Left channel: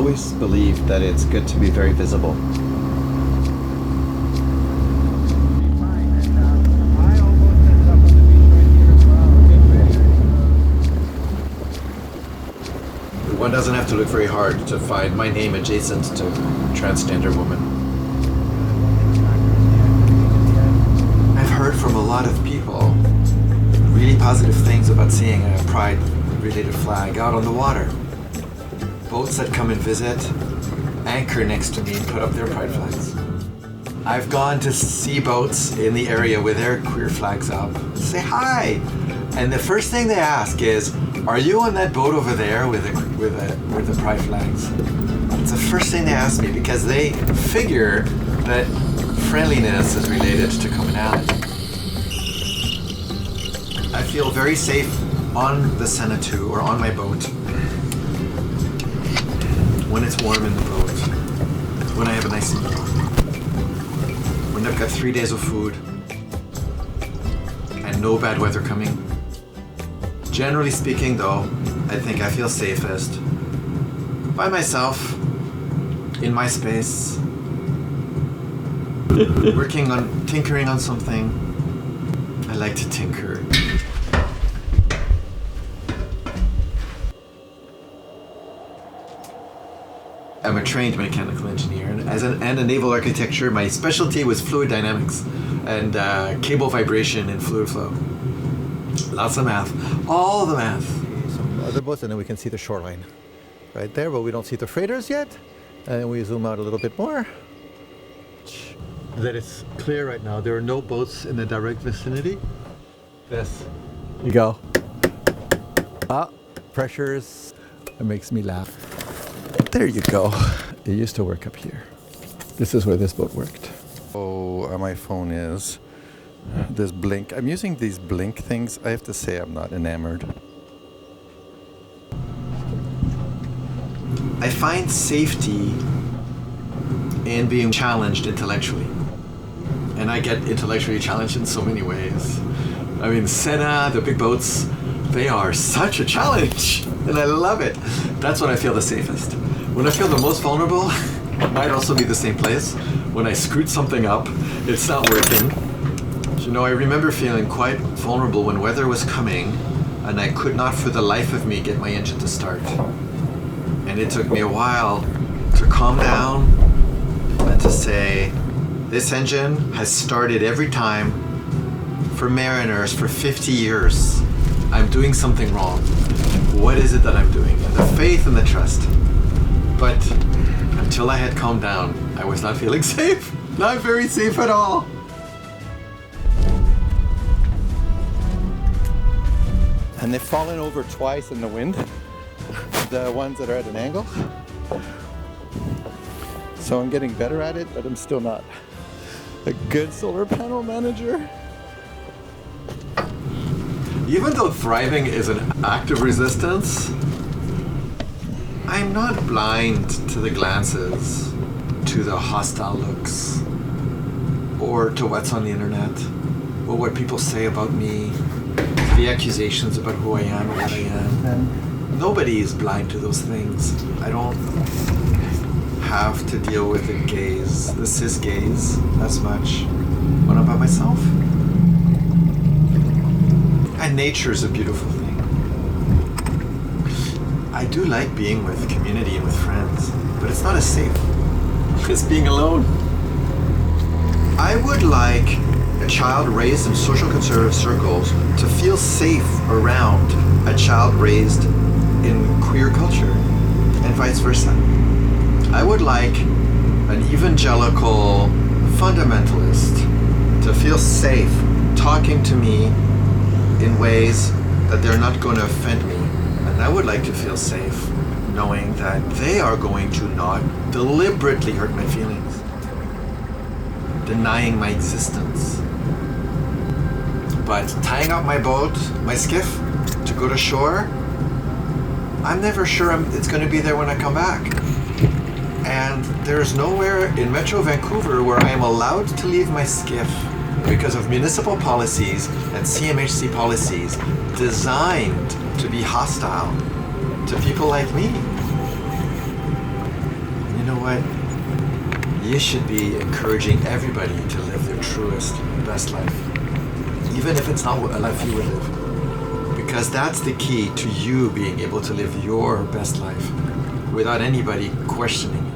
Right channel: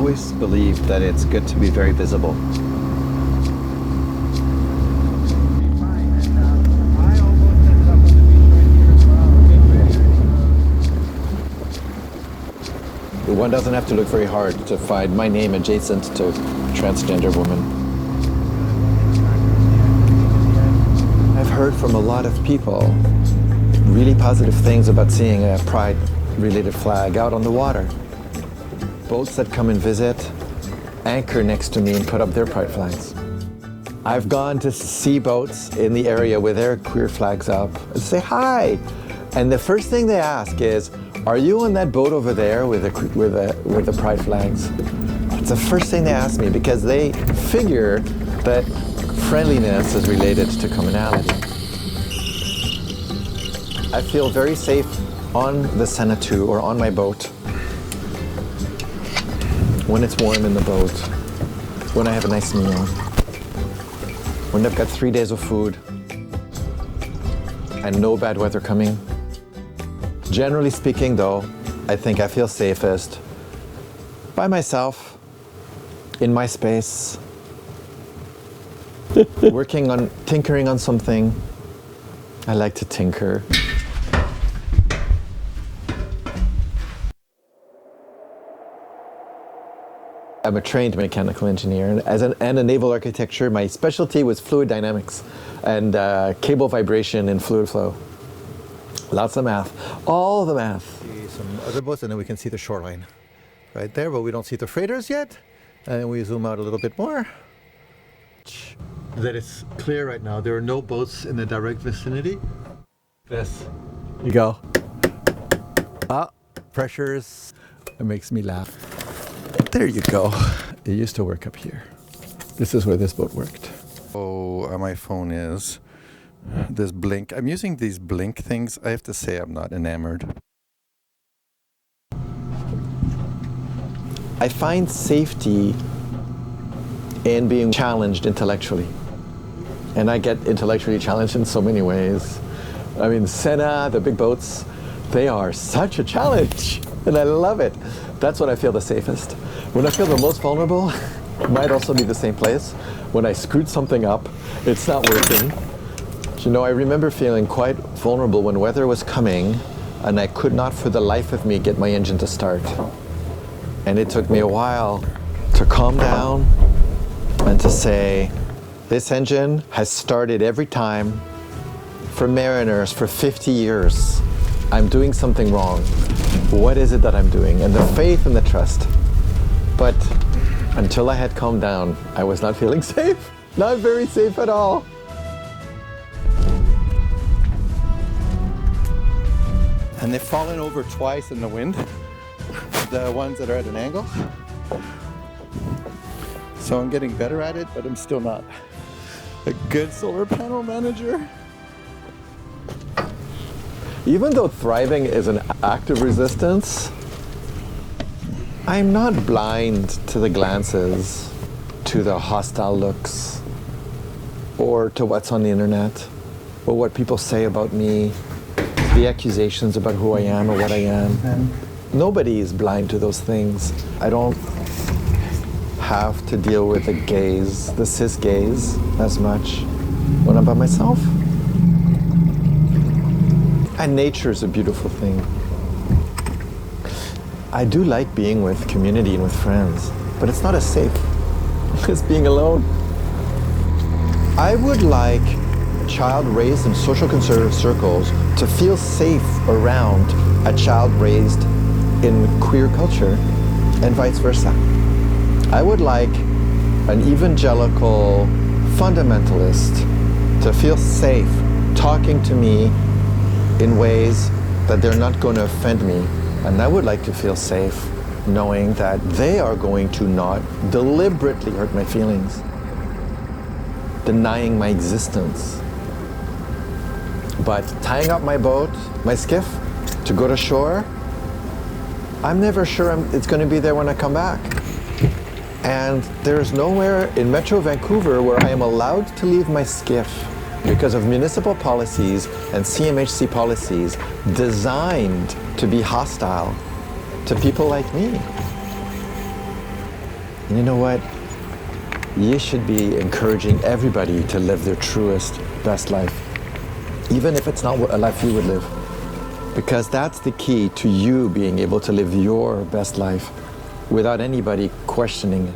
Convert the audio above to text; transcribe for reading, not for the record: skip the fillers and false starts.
always believed that it's good to be very visible. One doesn't have to look very hard to find my name adjacent to transgender woman. I've heard from a lot of people really positive things about seeing a pride-related flag out on the water. Boats that come and visit anchor next to me and put up their pride flags. I've gone to see boats in the area with their queer flags up and say hi. And the first thing they ask is, are you on that boat over there with the pride flags? It's the first thing they ask me because they figure that friendliness is related to commonality. I feel very safe on the Senatu or on my boat when it's warm in the boat, when I have a nice meal, when I've got 3 days of food and no bad weather coming. Generally speaking, though, I think I feel safest by myself, in my space, tinkering on something. I like to tinker. I'm a trained mechanical engineer, and a naval architecture, my specialty was fluid dynamics and cable vibration and fluid flow. Lots of math, all the math. Some other boats, and then we can see the shoreline right there, but we don't see the freighters yet. And we zoom out a little bit more. That it's clear right now. There are no boats in the direct vicinity. This. You go. Pressures. It makes me laugh. There you go. It used to work up here. This is where this boat worked. Oh, my phone is. This blink. I'm using these blink things. I have to say I'm not enamored. I find safety in being challenged intellectually. And I get intellectually challenged in so many ways. I mean, Senna, the big boats, they are such a challenge. And I love it. That's when I feel the safest. When I feel the most vulnerable, it might also be the same place. When I screwed something up, it's not working. You know, I remember feeling quite vulnerable when weather was coming and I could not for the life of me get my engine to start. And it took me a while to calm down and to say, this engine has started every time for mariners for 50 years. I'm doing something wrong. What is it that I'm doing? And the faith and the trust. But until I had calmed down, I was not feeling safe. Not very safe at all. And they've fallen over twice in the wind, the ones that are at an angle. So I'm getting better at it, but I'm still not a good solar panel manager. Even though thriving is an act of resistance, I'm not blind to the glances, to the hostile looks, or to what's on the internet, or what people say about me, the accusations about who I am or what I am. And nobody is blind to those things. I don't have to deal with the gaze, the cis gaze, as much when I'm by myself. And nature's a beautiful thing. I do like being with community and with friends, but it's not as safe as being alone. I would like a child raised in social conservative circles to feel safe around a child raised in queer culture, and vice versa. I would like an evangelical fundamentalist to feel safe talking to me in ways that they're not going to offend me. And I would like to feel safe knowing that they are going to not deliberately hurt my feelings, denying my existence. But tying up my boat, my skiff, to go to shore, I'm never sure it's going to be there when I come back. And there's nowhere in Metro Vancouver where I am allowed to leave my skiff because of municipal policies and CMHC policies designed to be hostile to people like me. And you know what? You should be encouraging everybody to live their truest, best life, even if it's not a life you would live. Because that's the key to you being able to live your best life without anybody questioning